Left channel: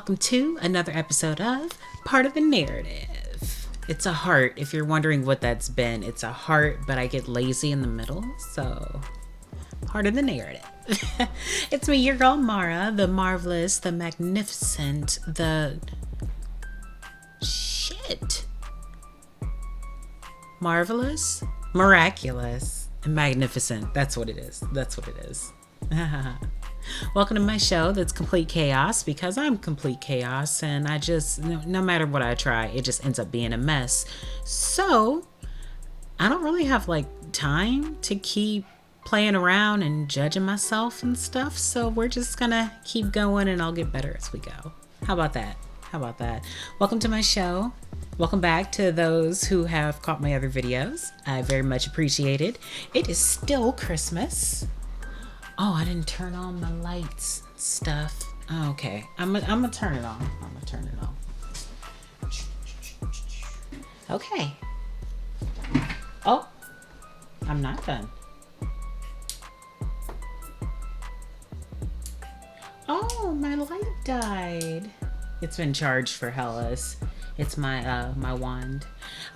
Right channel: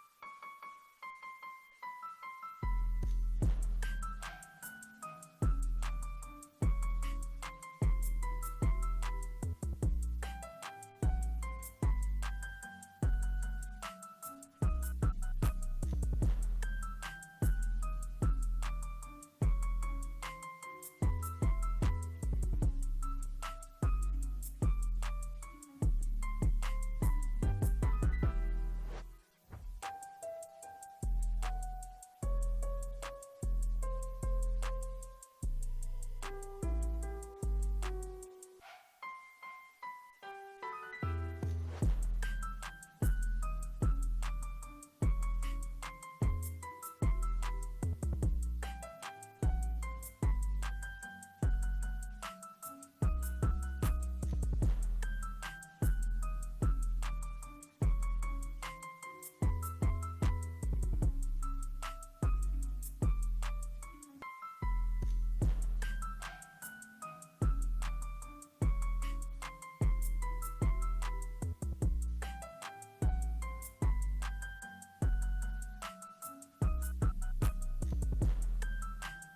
welcome to another episode of Part of the Narrative. It's a heart. If you're wondering what that's been, it's a heart, but I get lazy in the middle, so Part of the Narrative. It's me, your girl Mara, the marvelous, the magnificent, the marvelous, miraculous, and magnificent. That's what it is. Welcome to my show that's complete chaos, because I'm complete chaos and I just, no matter what I try, it just ends up being a mess. So I don't really have time to keep playing around and judging myself and stuff. So we're just gonna keep going and I'll get better as we go. How about that? Welcome to my show. Welcome back to those who have caught my other videos. I very much appreciate it. It is still Christmas. Oh, I didn't turn on my lights stuff. Oh, okay. I'm gonna turn it on. Okay. Oh, I'm not done. Oh, my light died. It's been charged for hellas. It's my my wand.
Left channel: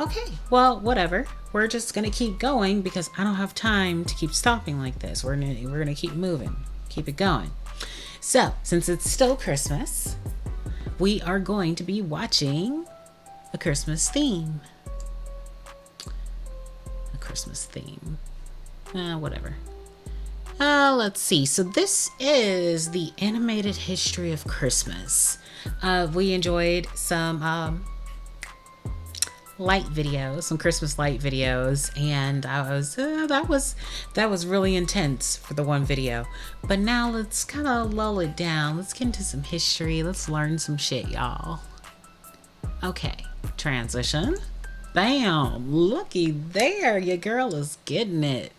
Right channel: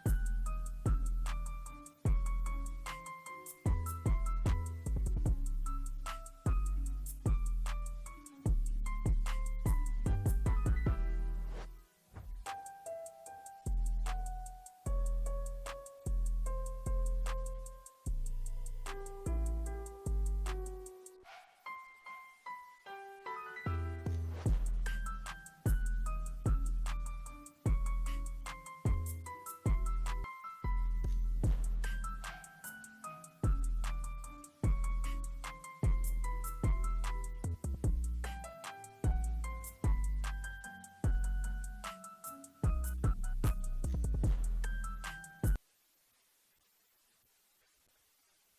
Okay, well, whatever. We're just gonna keep going because I don't have time to keep stopping like this. We're gonna keep moving, keep it going. So, since it's still Christmas, we are going to be watching a Christmas theme. Whatever. Let's see. So this is the animated history of Christmas. We enjoyed some light videos, some Christmas light videos, and I was that was really intense for the one video. But now let's kind of lull it down. Let's get into some history. Let's learn some shit, y'all. Okay, transition. Bam, looky there, your girl is getting it.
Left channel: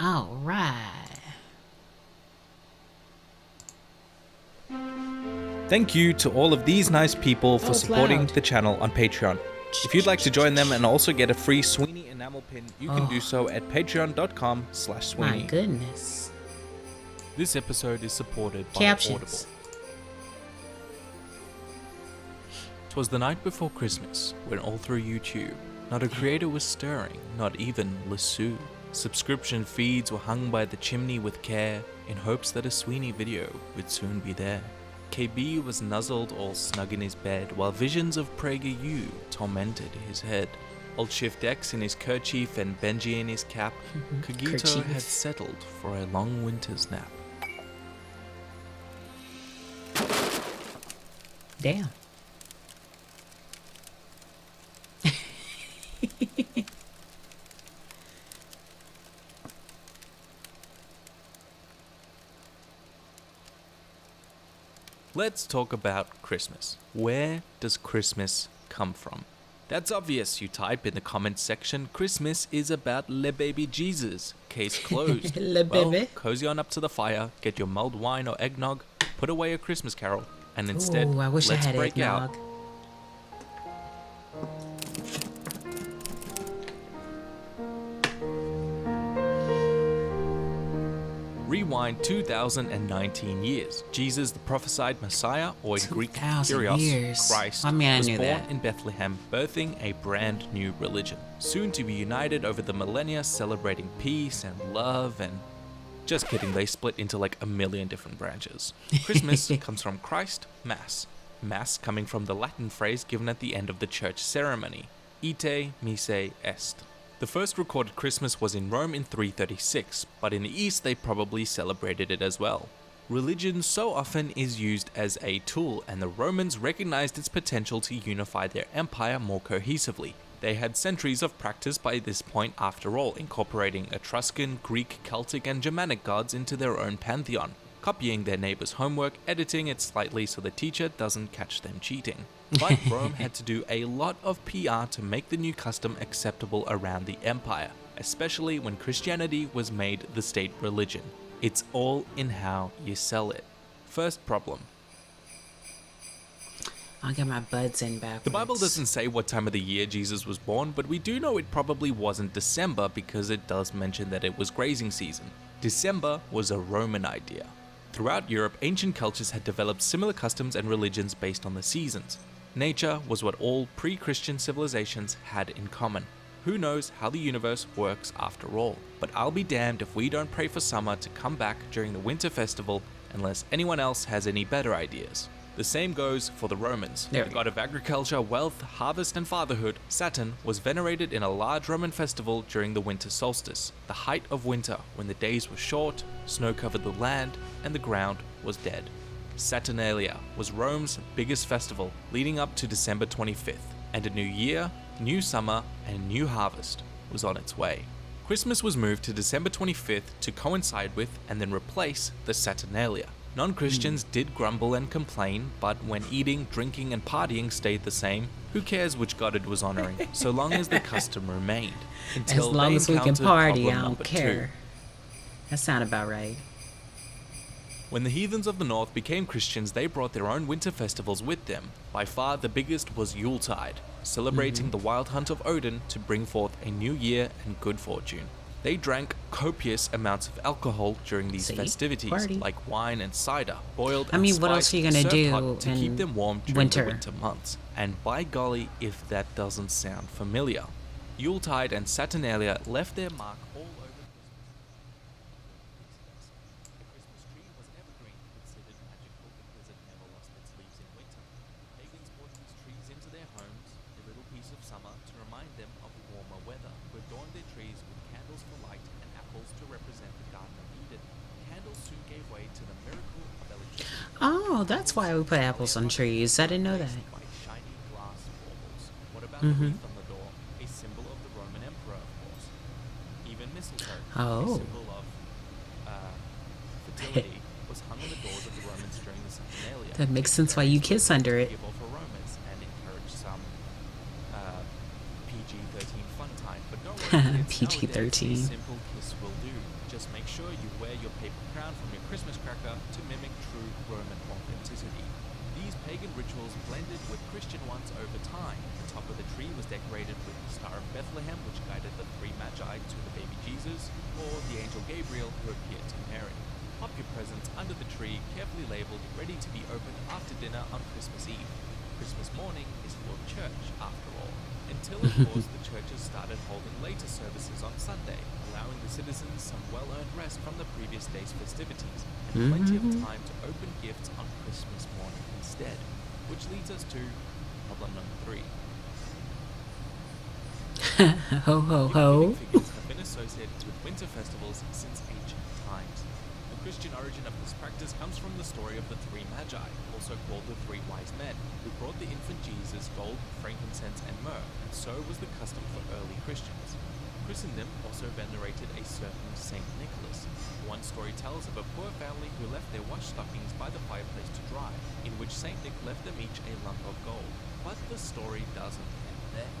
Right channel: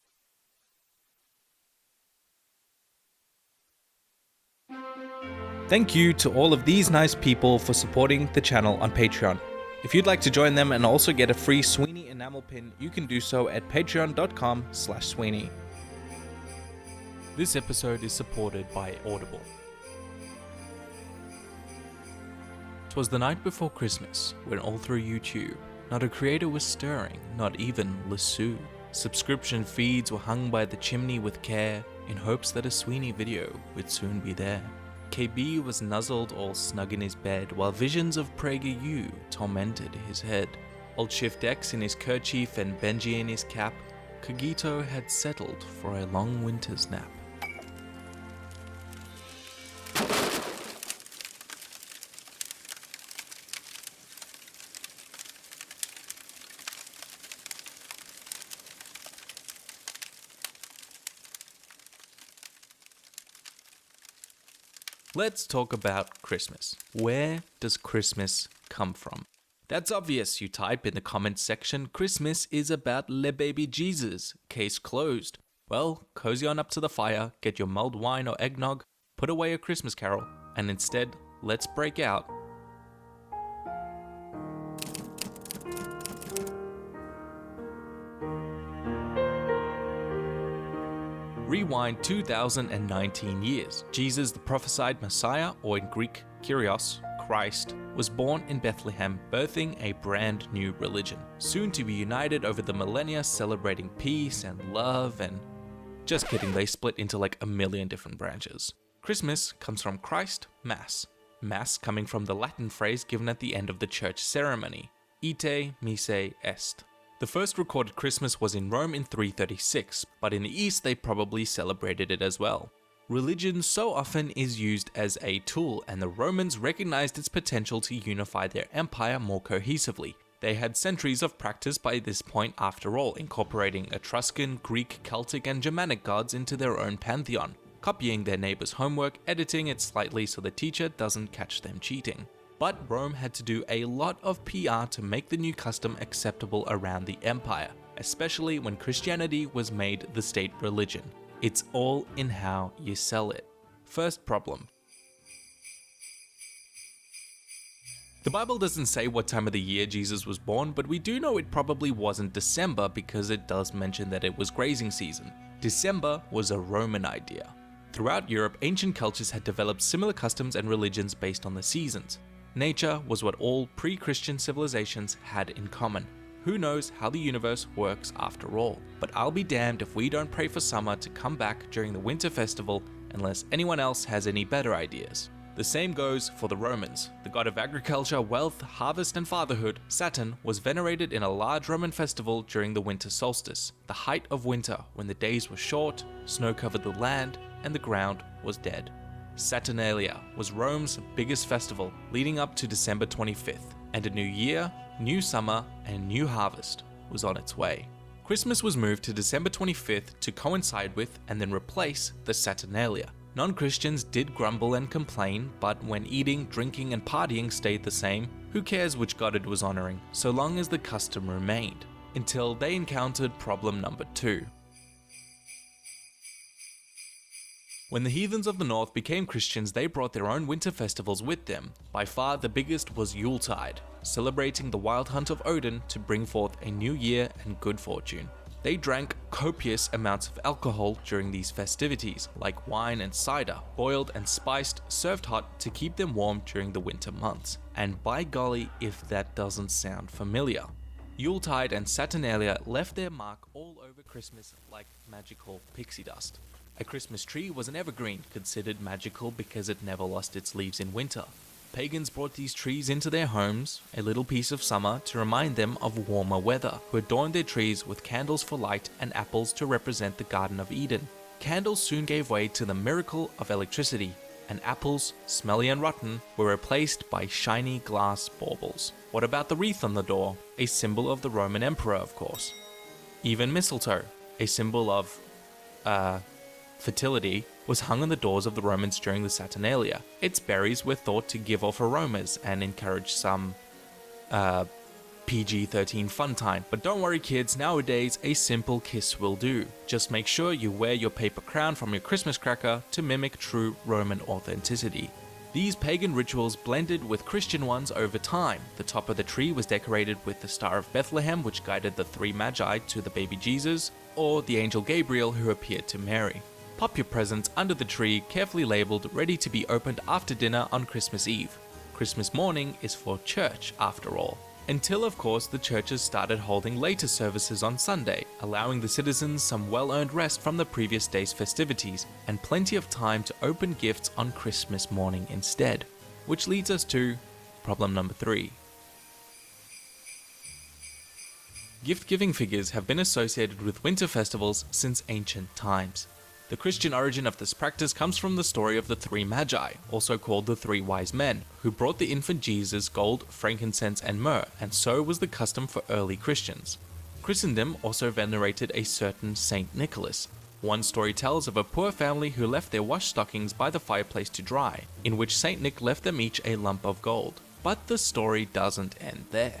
All right. Thank you to all of these nice people for supporting the channel on Patreon. If you'd like to join them and also get a free Sweeney enamel pin, you can do so at patreon.com/Sweeney. My goodness. This episode is supported by Captions. Audible. 'Twas the night before Christmas, when all through YouTube, not a creator was stirring, not even Lassou. Subscription feeds were hung by the chimney with care, in hopes that a Sweeney video would soon be there. KB was nuzzled all snug in his bed, while visions of PragerU tormented his head. Old Shift X in his kerchief and Benji in his cap, Kagito had settled for a long winter's nap. Damn. Let's talk about Christmas. Where does Christmas come from? That's obvious, you type in the comments section. Christmas is about le baby Jesus. Case closed. Well, cozy on up to the fire, get your mulled wine or eggnog, put away a Christmas carol, and instead, let's break out. Rewind 2019 years. Jesus, the prophesied Messiah, or in Greek, Kyrios, Christ, was born in Bethlehem, birthing a brand new religion. Soon to be united over the millennia, celebrating peace and love and... Just kidding, they split into a million different branches. Christmas comes from Christ, Mass. Mass coming from the Latin phrase given at the end of the church ceremony, ite misse est. The first recorded Christmas was in Rome in 336, but in the East they probably celebrated it as well. Religion so often is used as a tool, and the Romans recognized its potential to unify their empire more cohesively. They had centuries of practice by this point after all, incorporating Etruscan, Greek, Celtic and Germanic gods into their own pantheon, copying their neighbor's homework, editing it slightly so the teacher doesn't catch them cheating. But Rome had to do a lot of PR to make the new custom acceptable around the empire, especially when Christianity was made the state religion. It's all in how you sell it. First problem. I'll get my buds in backwards. The Bible doesn't say what time of the year Jesus was born, but we do know it probably wasn't December because it does mention that it was grazing season. December was a Roman idea. Throughout Europe, ancient cultures had developed similar customs and religions based on the seasons. Nature was what all pre-Christian civilizations had in common. Who knows how the universe works after all? But I'll be damned if we don't pray for summer to come back during the winter festival unless anyone else has any better ideas. The same goes for the Romans. The god of agriculture, wealth, harvest, and fatherhood, Saturn, was venerated in a large Roman festival during the winter solstice, the height of winter, when the days were short, snow covered the land, and the ground was dead. Saturnalia was Rome's biggest festival, leading up to December 25th, and a new year, new summer, and new harvest was on its way. Christmas was moved to December 25th to coincide with and then replace the Saturnalia. Non-Christians did grumble and complain, but when eating, drinking, and partying stayed the same, who cares which god it was honoring, so long as the custom remained, until they encountered problem number 2. That sounds about right. When the heathens of the north became Christians, they brought their own winter festivals with them. By far the biggest was Yuletide, celebrating the wild hunt of Odin to bring forth a new year and good fortune. They drank copious amounts of alcohol during these festivities, like wine and cider, boiled and spiced, served hot to keep them warm during the winter months. And by golly, if that doesn't sound familiar. Yuletide and Saturnalia left their mark all over Christmas like magical pixie dust. A Christmas tree was an evergreen, considered magical because it never lost its leaves in winter. Pagans brought these trees into their homes, a little piece of summer to remind them of warmer weather, who adorned their trees with candles for light and apples to represent the Garden of Eden. Candles soon gave way to the miracle of electricity, and that's why we put smelly apples and on trees. were replaced by shiny glass baubles. What about the wreath on the door? A symbol of the Roman emperor, of course. Even mistletoe, a symbol of fertility, was hung on the doors of the Romans during the Saturnalia. Its berries were thought to give off aromas and encourage some PG-13 fun time. But don't worry kids, nowadays a simple kiss will do. Just make sure you wear your paper crown from your Christmas cracker to mimic true Roman authenticity. These pagan rituals blended with Christian ones over time. The top of the tree was decorated with the Star of Bethlehem, which guided the 3 Magi to the baby Jesus, or the angel Gabriel who appeared to Mary. Pop your presents under the tree, carefully labeled, ready to be opened after dinner on Christmas Eve. Christmas morning is for church, after all. Until, of course, the churches started holding later services on Sunday, allowing the citizens some well-earned rest from the previous day's festivities, and plenty of time to open gifts on Christmas morning instead. Which leads us to problem number 3. Gift-giving figures have been associated with winter festivals since ancient times. The Christian origin of this practice comes from the story of the 3 Magi, also called the 3 Wise Men, who brought the infant Jesus gold, frankincense, and myrrh, and so was the custom for early Christians. Christendom also venerated a certain Saint Nicholas. One story tells of a poor family who left their wash stockings by the fireplace to dry, in which Saint Nick left them each a lump of gold. But the story doesn't end there.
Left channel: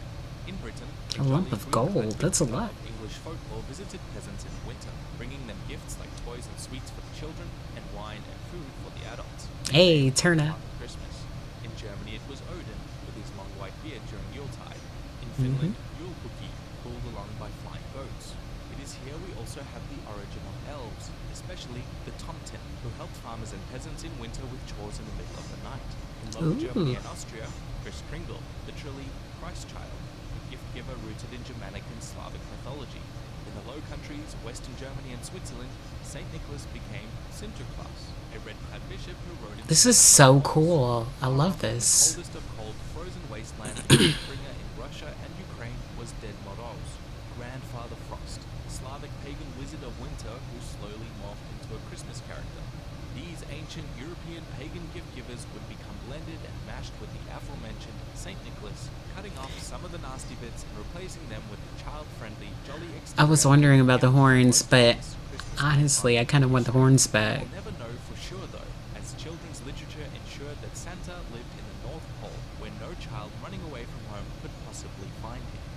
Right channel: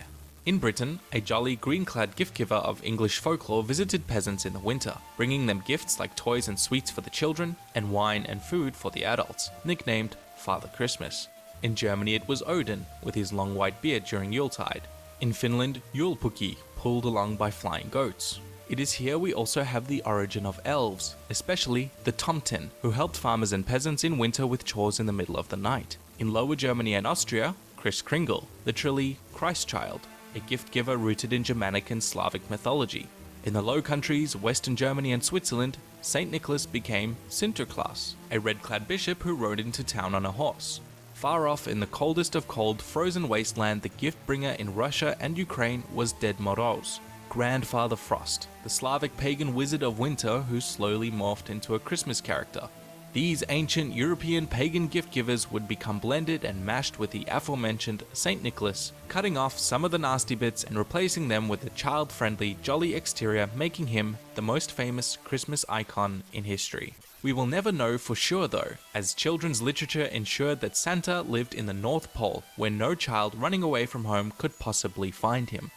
In Britain, a jolly green-clad gift-giver of English folklore visited peasants in the winter, bringing them gifts like toys and sweets for the children, and wine and food for the adults, nicknamed Father Christmas. In Germany it was Odin, with his long white beard during Yuletide. In Finland, Joulupukki, pulled along by flying goats. It is here we also have the origin of elves, especially the Tomten, who helped farmers and peasants in winter with chores in the middle of the night. In Lower Germany and Austria, Kris Kringle, literally Christ Child, a gift giver rooted in Germanic and Slavic mythology. In the Low Countries, Western Germany and Switzerland, Saint Nicholas became Sinterklaas, a red-clad bishop who rode into town on a horse. Cool. Far off in the coldest of cold, frozen wasteland, the gift bringer in Russia and Ukraine was Ded Moroz, Grandfather Frost, the Slavic pagan wizard of winter who slowly morphed into a Christmas character. These ancient European pagan gift givers would become blended and mashed with the aforementioned Saint Nicholas, cutting off some of the nasty bits and replacing them with a child-friendly, jolly exterior. I was wondering about the horns, most but famous Christmas honestly, I kind of want the history. horns back. We will never know for sure though, as children's literature ensured that Santa lived in the North Pole, where no child running away from home could possibly find him.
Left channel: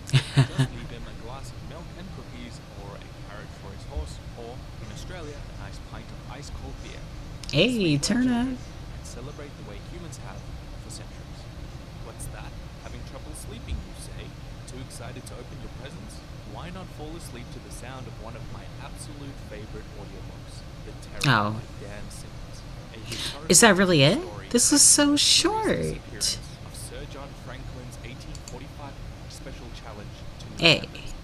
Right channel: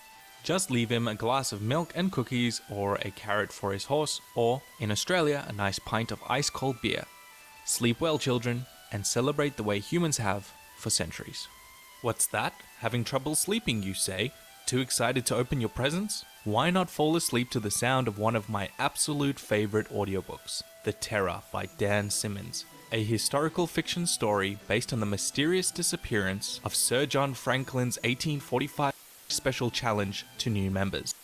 Just leave him a glass of milk and cookies, or a carrot for his horse, or, in Australia, a nice pint of ice-cold beer. Hey, Sleep well, children, and celebrate the way humans have for centuries. What's that? Having trouble sleeping, you say? Too excited to open your presents? why not fall asleep to the sound of one of my absolute favorite audiobooks, The Terror by Dan Simmons, a historical fiction story based on the mysterious disappearance of Sir John Franklin's 1845 special challenge to new members.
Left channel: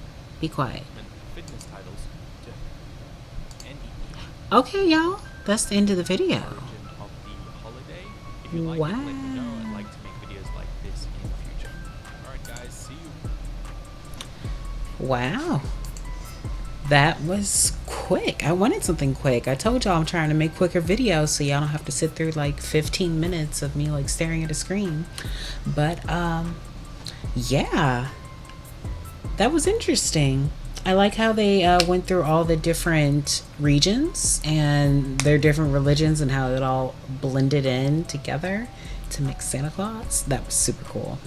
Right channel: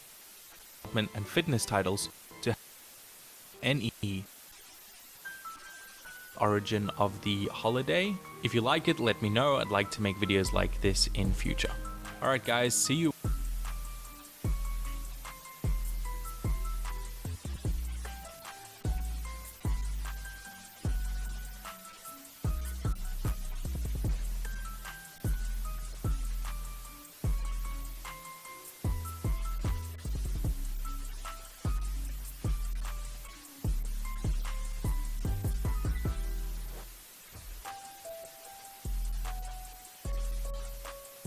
Be quiet. And fitness titles to NEE. Okay, y'all. That's the end of the video. Origin of the holiday. If you like it, let me know. I'd like to make videos like this in future. Alright guys, see you. Wow. That was quick. I wanted something quick. I told y'all I'm trying to make quicker videos so y'all don't have to sit through like 15 minutes of me like staring at a screen. But yeah. That was interesting. I like how they went through all the different regions and their different religions and how it all blended in together to make Santa Claus. That was super cool.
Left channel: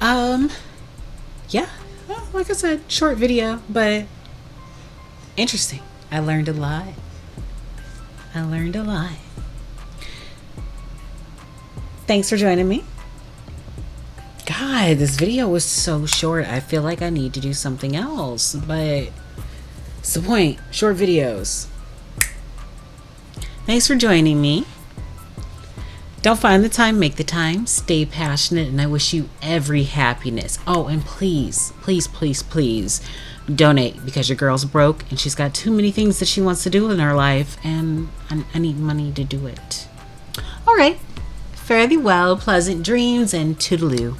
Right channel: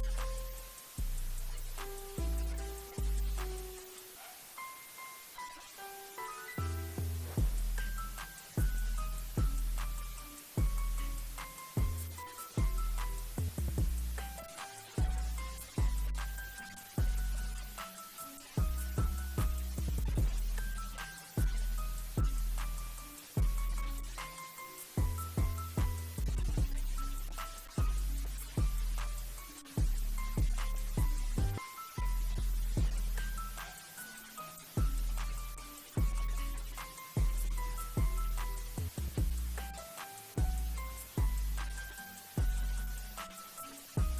Yeah, well, like I said, short video, but interesting. I learned a lot. Thanks for joining me. God, this video was so short. I feel like I need to do something else, but it's the point. Short videos. Thanks for joining me. Don't find the time, make the time. Stay passionate, and I wish you every happiness. Oh, and please, please, please, please donate, because your girl's broke and she's got too many things that she wants to do in her life, and I need money to do it. All right. Fare thee well, pleasant dreams, and toodaloo.